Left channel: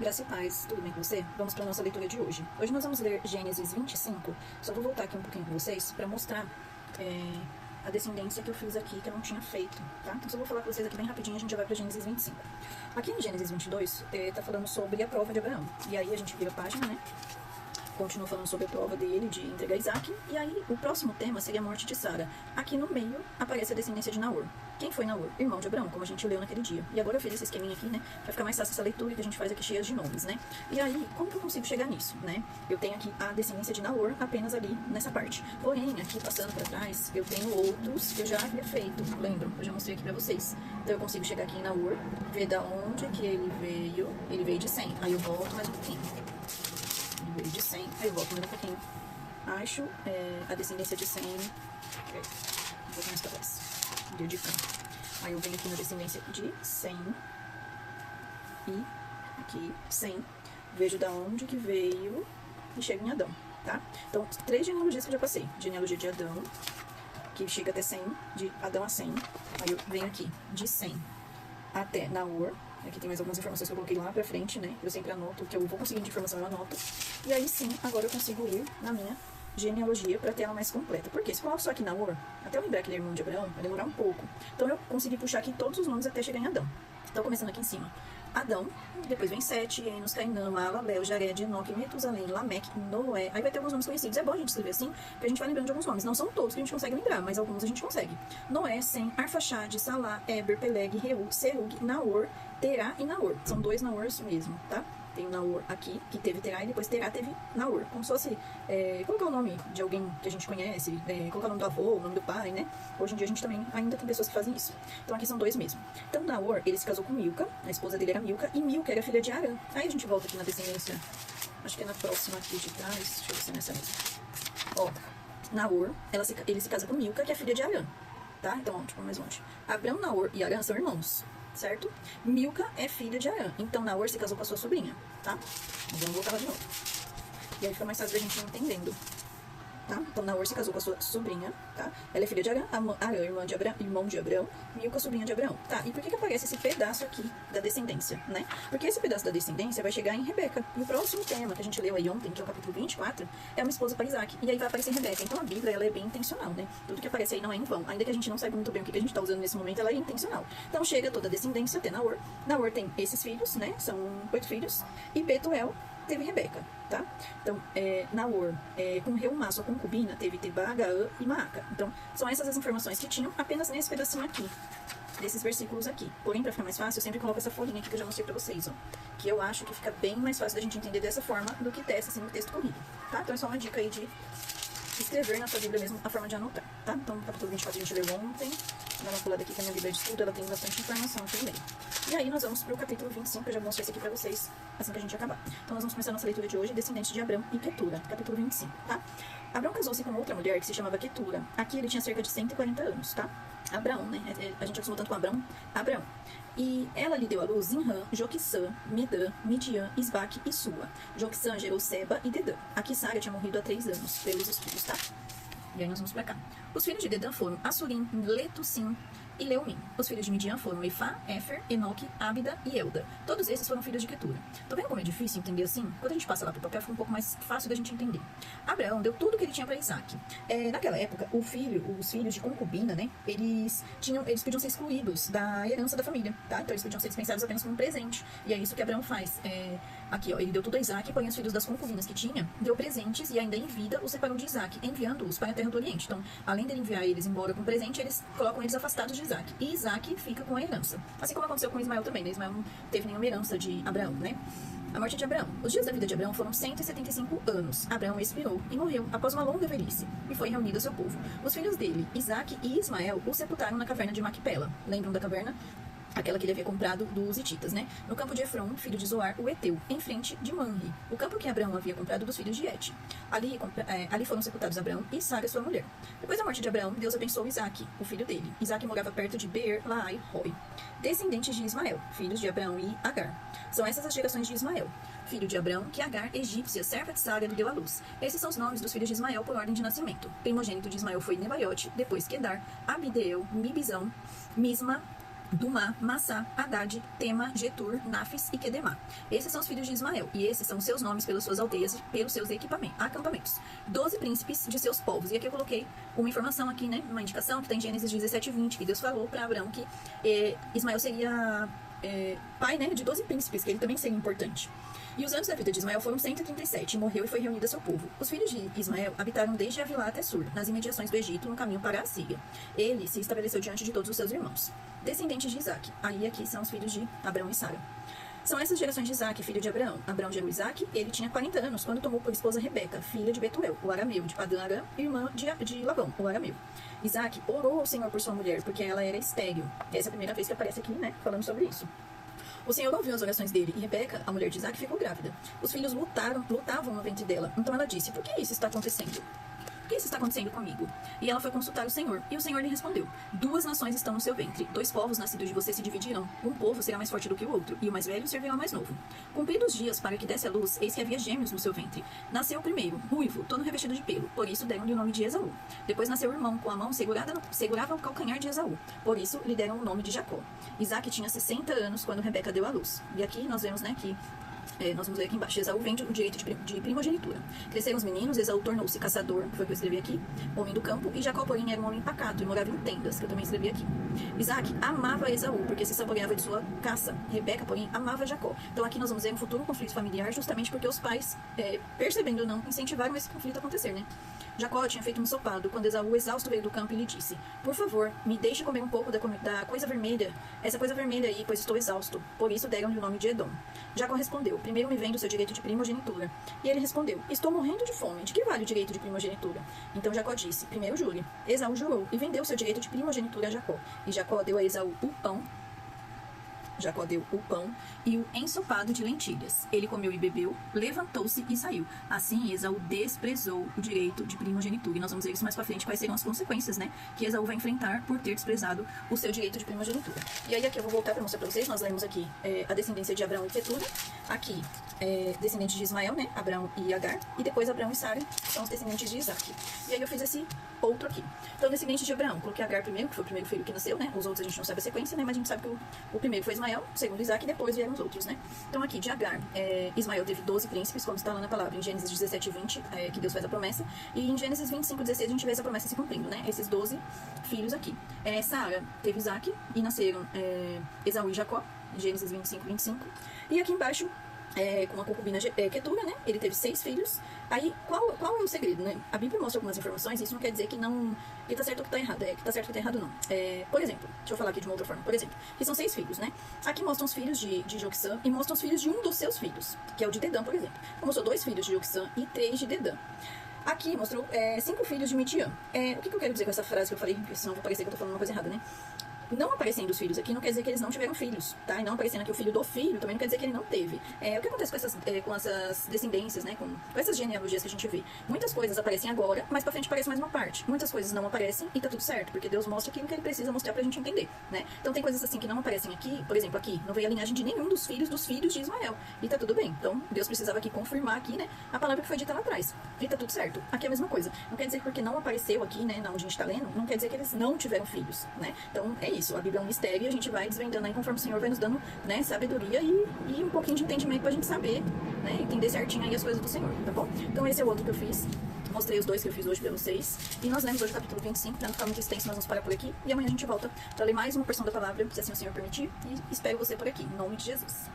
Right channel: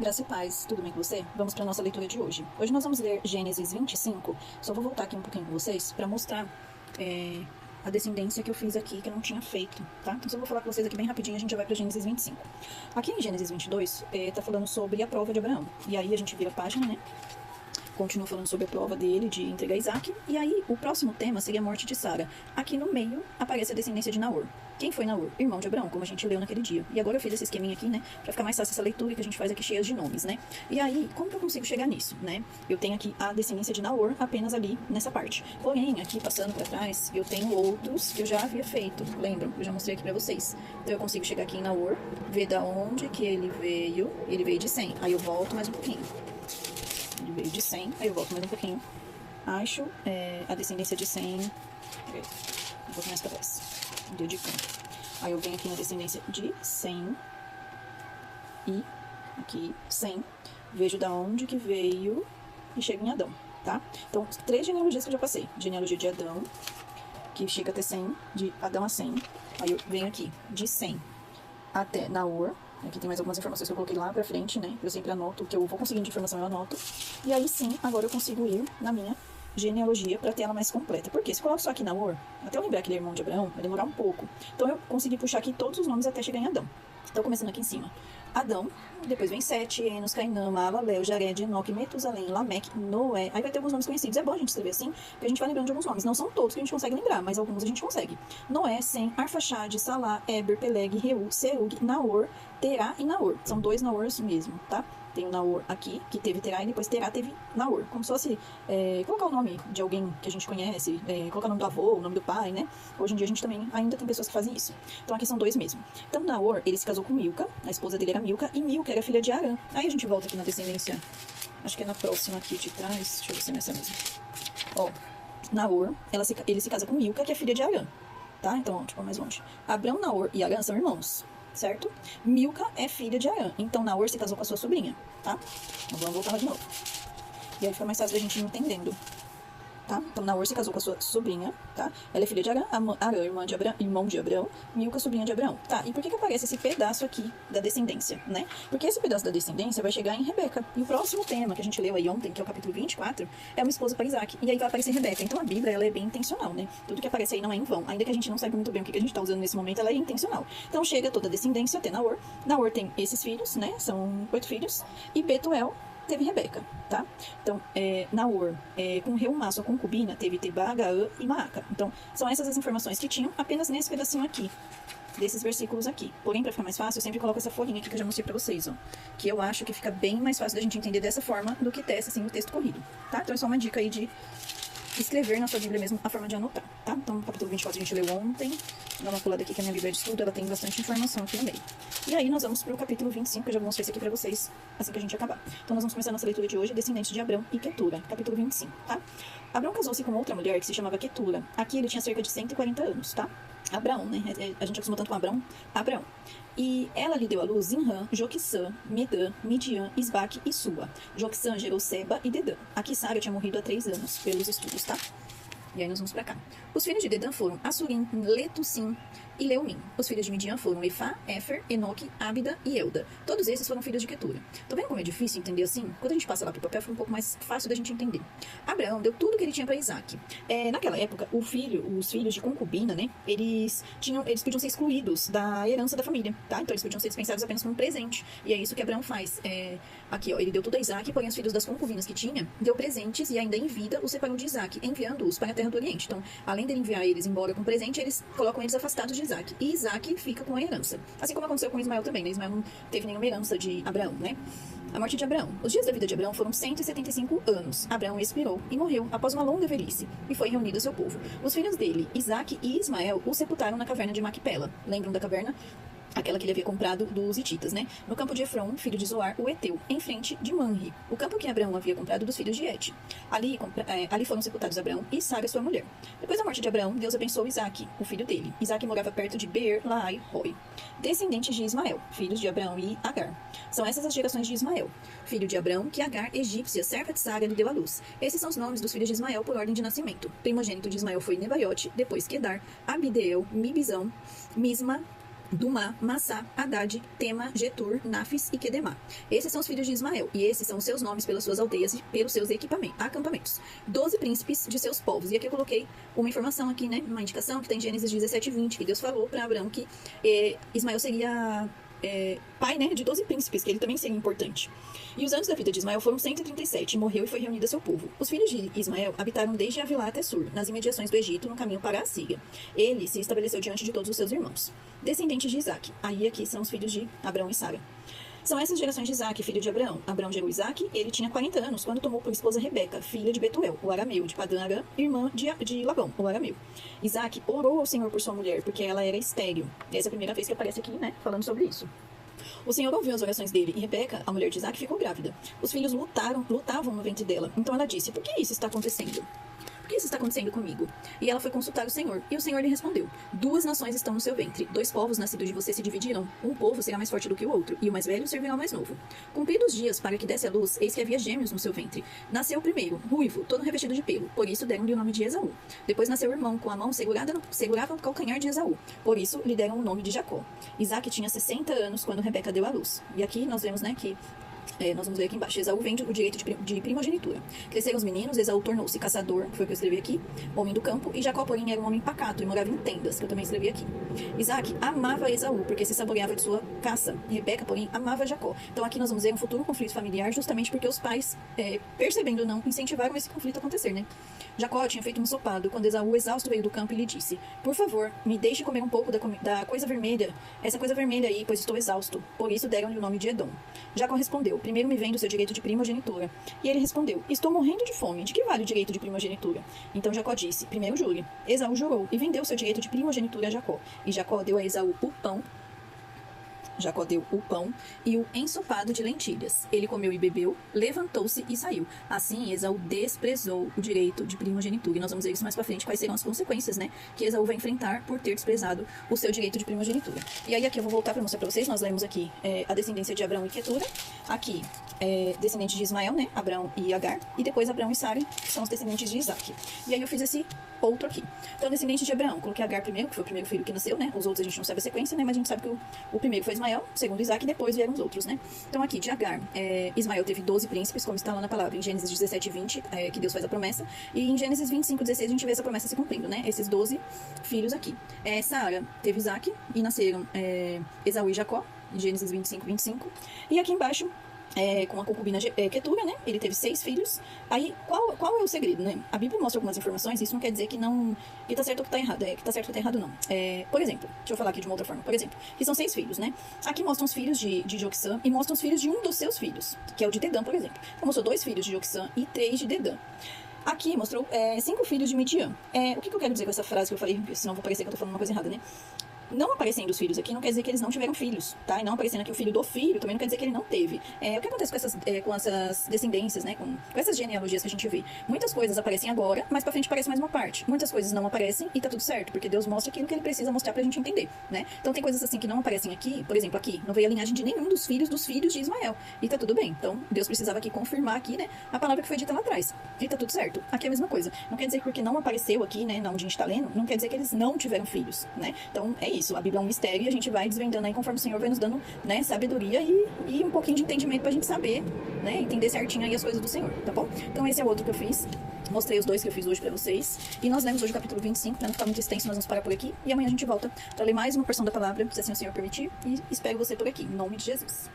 Graça e paz, tudo bem com você? Vamos para a nossa leitura de hoje. Hoje nós vamos ler Gênesis 25. Só vou voltar aqui um pouquinho com vocês para mostrar a descendência que eu fiz aqui, que eu não tinha feito, tá? Então só vou falar com vocês aqui bem rapidinho, a gente já vai para Gênesis 25. Aqui em Gênesis 22, tá falando sobre a prova de Abraão. E aí a gente vira a página, né? Continua falando sobre a prova dele de entregar Isaac. E aí, o próximo tema seria a morte de Sara. Aqui no meio, aparece a descendência de Naor. Quem foi Naor? Irmão de Abraão, como a gente leu naquele dia. E agora eu fiz esse esqueminha aqui, né? Pra ficar mais fácil essa leitura que a gente faz aqui cheia de nomes, né? E aí, como que eu consigo chegar nisso, né? Eu tenho aqui a descendência de Naor apenas ali nessa parte. Porém, aqui passando pra trás, eu tenho outros que eu já havia feito. Lembram? Eu já mostrei aqui pra vocês. Então eu consigo chegar aqui em Naor, ver da onde que ele veio. Ele veio de 100. Aí eu volto mais um pouquinho. Ele veio de 100, aí eu volto mais um pouquinho. Acho a descendência de 100. Um pouco mais pra trás. Dedicando. Aí eu venho aqui na descendência de 100. E aqui 100. Vejo da onde que veio e chego em Adão, tá? Então, 3 genealogias que eu já passei. Genealogia de Adão, que chega até 100. De Adão a 100. Aí eu venho aqui de 100 até Naor. Aqui tem mais algumas informações que eu coloquei lá pra frente, né? Eu sempre anoto o que eu vou conseguindo de informação, eu anoto. E aí sim, agora eu consigo ir na minha genealogia pra ter ela mais completa. Porque se eu coloco só aqui Naor, até eu lembrar que ele é irmão de Abraão, vai demorar um pouco. Então eu consegui puxar aqui todos os nomes até chegar em Adão. Então começando aqui em cima. Adão, depois vem Sete, Enos, Cainã, Maalalel, Jared, Enoque, Metusalém, Lameque, Noé. Aí vai ter alguns nomes conhecidos. É bom a gente escrever assim, porque a gente vai lembrando de alguns nomes. Não são todos que a gente consegue lembrar, mas alguns a gente consegue. Noé, Sem, Arfaxade, Salá, Eber, Peleg, Reu, Serug, Naor, Terá e Naor. São 2 Naors mesmo, tá? Tem o Naor aqui, que teve Terá, e depois Terá teve Naor. Como se fosse colocar o nome de alguém que a gente conhece, colocar o nome do avô, o nome do pai, né? Hoje em dia a gente também ainda tem pessoas que fazem isso. Então aqui são 2 mesmo. Então Naor, ele se casou com Milca, a esposa dele era Milca, e Milca era filha de Arã. Aí a gente volta aqui na descendência, acho que é na próxima aqui de trás, deixa eu ver se é nessa mesmo. Ó, Naor, ele se casa com Milca, que é filha de Arã, tá? Então, ó, tipo, mais longe. Abrão, Naor e Arã são irmãos, certo? Milca é filha de Arã, então Naor se casou com a sua sobrinha, tá? Vamos voltar lá de novo. E aí fica mais fácil da gente ir entendendo, tá? Então Naor se casou com a sua sobrinha, tá? Ela é filha de Arã, Arã, irmão de Abraão, Milca, sobrinha de Abraão. Tá, e por que aparece esse pedaço aqui da descendência, né? Porque esse pedaço da descendência vai chegar em Rebeca. E o próximo tema que a gente leu aí ontem, que é o capítulo 24, é uma esposa para Isaac. E aí vai aparecer Rebeca. Então a Bíblia, ela é bem intencional, né? Tudo que aparece aí não é em vão. Ainda que a gente não saiba muito bem o que a gente tá usando nesse momento, ela é intencional. Então chega toda a descendência até Naor. Naor tem esses filhos, né? São 8 filhos. E Betuel teve Rebeca, tá? Então, Naor, com Reumá, sua concubina, teve Tebá, Gaã e Maaca. Então, são essas as informações que tinham apenas nesse pedacinho aqui, desses versículos aqui. Porém, pra ficar mais fácil, eu sempre coloco essa folhinha aqui que eu já mostrei pra vocês, ó. Que eu acho que fica bem mais fácil da gente entender dessa forma do que dessa, assim, no texto corrido, tá? Então, é só uma dica aí de escrever na sua Bíblia mesmo a forma de anotar, tá? Então, o capítulo 24 a gente leu ontem. Vou dar uma pulada aqui que a minha Bíblia de estudo, ela tem bastante informação aqui no meio. E aí nós vamos pro capítulo 25, que eu já mostrei isso aqui pra vocês assim que a gente acabar. Então nós vamos começar a nossa leitura de hoje, descendentes de Abrão e Quetura, capítulo 25, tá? Abrão casou-se com outra mulher que se chamava Quetura. Aqui ele tinha cerca de 140 anos, tá? Abrão, né? A gente acostumou tanto com Abrão. E ela lhe deu à luz Zinrã, Joquissã, Midã, Midian, Isbaque e Sua. Joquissã gerou Seba e Dedã. Aqui Sara tinha morrido há 3 anos, pelos estudos, tá? E aí nós vamos pra cá. Os filhos de Dedã foram Assurim, Letussim e Leumim. Os filhos de Midian foram Efá, Éfer, Enoque, Ábida e Euda. Todos esses foram filhos de Quetura. Tô vendo como é difícil entender assim? Quando a gente passa lá pro papel, fica um pouco mais fácil da gente entender. Abraão deu tudo que ele tinha para Isaac. Naquela época, os filhos de concubina, né? Eles podiam ser excluídos da herança da família, tá? Então eles podiam ser dispensados apenas como um presente. E é isso que Abraão faz. Aqui, ó, ele deu tudo a Isaac, porém os filhos das concubinas que tinha, deu presentes e ainda em vida os separou de Isaac, enviando-os para a terra do Oriente. Então, além dele enviar eles embora com presente, eles colocam eles afastados de Isaac. E Isaac fica com a herança. Assim como aconteceu com Ismael também, né? Ismael não teve nenhuma herança de Abraão, né? A morte de Abraão. Os dias da vida de Abraão foram 175 anos. Abraão expirou e morreu após uma longa velhice, e foi reunido ao seu povo. Os filhos dele, Isaac e Ismael, o sepultaram na caverna de Macpela. Lembram da caverna? Aquela que ele havia comprado dos hititas, né? No campo de Efron, filho de Zoar, o Eteu, em frente de Manre, o campo que Abraão havia comprado dos filhos de Et. Ali foram sepultados Abraão e Sara, sua mulher. Depois da morte de Abraão, Deus abençoou Isaac, o filho dele. Isaac morava perto de Beer, Laai, Roi. Descendentes de Ismael, filhos de Abraão e Agar. São essas as gerações de Ismael, filho de Abraão, que Agar, egípcia, serva de Sara, lhe deu à luz. Esses são os nomes dos filhos de Ismael por ordem de nascimento. Primogênito de Ismael foi Nebaiote, depois Quedar, Abideel, Mibizão, Misma, Dumá, Massá, Haddad, Tema, Getur, Nafis e Quedemá. Esses são os filhos de Ismael, e esses são os seus nomes pelas suas aldeias e pelos seus acampamentos. 12 príncipes de seus povos. E aqui eu coloquei uma informação aqui, né? Uma indicação que está em Gênesis 17:20, que Deus falou para Abraão que Ismael seria pai, né, de 12 príncipes, que ele também seria importante. E os anos da vida de Ismael foram 137, morreu e foi reunido a seu povo. Os filhos de Ismael habitaram desde Avilá até Sur, nas imediações do Egito, no caminho para a Síria. Ele se estabeleceu diante de todos os seus irmãos. Descendentes de Isaque. Aí aqui são os filhos de Abraão e Sara. São essas gerações de Isaque, filho de Abraão. Abraão gerou Isaque, ele tinha 40 anos quando tomou por esposa Rebeca, filha de Betuel, o arameu, de Padã Aram, irmã de Labão, o arameu. Isaque orou ao Senhor por sua mulher, porque ela era estéril. Essa é a primeira vez que aparece aqui, né, falando sobre isso. O Senhor ouviu as orações dele, e Rebeca, a mulher de Isaque, ficou grávida. Os filhos lutavam no ventre dela. Então ela disse: por que isso está acontecendo? Por que isso está acontecendo comigo? E ela foi consultar o Senhor. E o Senhor lhe respondeu: 2 nações estão no seu ventre. 2 povos nascidos de você se dividirão. Um povo será mais forte do que o outro, e o mais velho servirá ao mais novo. Cumpridos os dias para que desse a luz, eis que havia gêmeos no seu ventre. Nasceu o primeiro, ruivo, todo revestido de pelo. Por isso deram-lhe o nome de Esaú. Depois nasceu o irmão, com a mão segurava o calcanhar de Esaú. Por isso lhe deram o nome de Jacó. Isaque tinha 60 anos quando Rebeca deu à luz. E aqui nós vemos, né, que nós vamos ver aqui embaixo. Esaú vende o direito de primogenitura. Cresceram os meninos, Esaú tornou-se caçador, que foi o que eu escrevi aqui, homem do campo, e Jacó, porém, era um homem pacato e morava em tendas, que eu também escrevi aqui. Isaac amava Esaú, porque se saboreava de sua caça. Rebeca, porém, amava Jacó. Então aqui nós vamos ver um futuro conflito familiar, justamente porque os pais, percebendo ou não, incentivaram esse conflito a acontecer, né? Jacó tinha feito um ensopado, quando Esaú, exausto, veio do campo e lhe disse: por favor, me deixe comer um pouco da coisa vermelha, essa coisa vermelha aí, pois estou exausto. Por isso deram-lhe o nome de Edom. Jacó respondeu: primeiro me vem do seu direito de primogenitura. E ele respondeu: estou morrendo de fome, de que vale o direito de primogenitura? Então Jacó disse: primeiro jure. Esaú jurou e vendeu seu direito de primogenitura a Jacó. E Jacó deu a Esaú o pão. Jacó deu o pão e o ensopado de lentilhas. Ele comeu e bebeu, levantou-se e saiu. Assim, Esaú desprezou o direito de primogenitura. E nós vamos ver isso mais pra frente, quais serão as consequências, né, que Esaú vai enfrentar por ter desprezado o seu direito de primogenitura. E aí aqui eu vou voltar para mostrar para vocês. Nós lemos aqui a descendência de Abraão e Quetura. Aqui, descendentes de Ismael, né, Abraão e Agar. E depois Abraão e Sara são os descendentes de Isaque. E aí eu fiz esse outro aqui. Então, descendentes de Abraão, coloquei Agar primeiro, que foi o primeiro filho que nasceu, né. Os outros a gente não sabe a sequência, né, mas a gente sabe que o primeiro foi Ismael, segundo Isaque, e depois vieram os outros, né? Então aqui, de Agar, Ismael teve 12 príncipes, como está lá na palavra, em Gênesis 17:20, que Deus faz a promessa, e em Gênesis 25:16 a gente vê essa promessa se cumprindo, né? Esses 12 filhos aqui. Sara teve Isaque, e nasceram Esaú e Jacó, em Gênesis 25:25, e aqui embaixo, com a concubina Quetura, né? Ele teve 6 filhos. Aí, qual é o segredo, né? A Bíblia mostra algumas informações, isso não quer dizer que não... que tá certo ou que tá errado. Que tá certo ou que tá errado, não. Por exemplo, deixa eu falar aqui de uma outra forma. Por exemplo, que são 6 filhos, né? Aqui mostram os filhos de Joquissã e mostram os filhos de um dos seus filhos, que é o de Dedã, por exemplo. Então, mostrou 2 filhos de Joquissã e 3 de Dedã. Aqui mostrou 5 filhos de Midian. O que eu quero dizer com essa frase que eu falei? Porque senão vai parecer que eu tô falando uma coisa errada, né? Não aparecendo os filhos aqui não quer dizer que eles não tiveram filhos, tá? E não aparecendo aqui o filho do filho também não quer dizer que ele não teve. O que acontece com essas descendências, né? Com essas genealogias que a gente vê? Muitas coisas aparecem agora, mas pra frente aparece mais uma parte. Muitas coisas não aparecem e tá tudo certo, porque Deus mostra aquilo que ele precisa mostrar pra gente entender, né? Então tem coisas assim que não aparecem aqui, por exemplo, aqui não veio a linhagem de nenhum dos filhos de Ismael. E tá tudo bem. Então Deus precisava aqui confirmar aqui, né? A palavra que foi dita lá atrás. E tá tudo certo. Aqui é a mesma coisa. Não quer dizer que porque não apareceu aqui, né? Onde a gente tá lendo, não quer dizer que eles não tiveram filhos, né? Então é isso. A Bíblia é um mistério. E a gente vai desvendando aí conforme o Senhor vai nos dando, né, sabedoria e um pouquinho de entendimento pra gente saber, né, entender certinho aí as coisas do Senhor, tá bom? Então esse é o outro que eu fiz. Mostrei os 2 que eu fiz hoje pra vocês. E nós lemos hoje o capítulo 25, pra não ficar muito extenso, nós vamos parar por aqui. E amanhã a gente volta pra ler mais uma porção da palavra, se assim o Senhor permitir. E espero você por aqui, em nome de Jesus.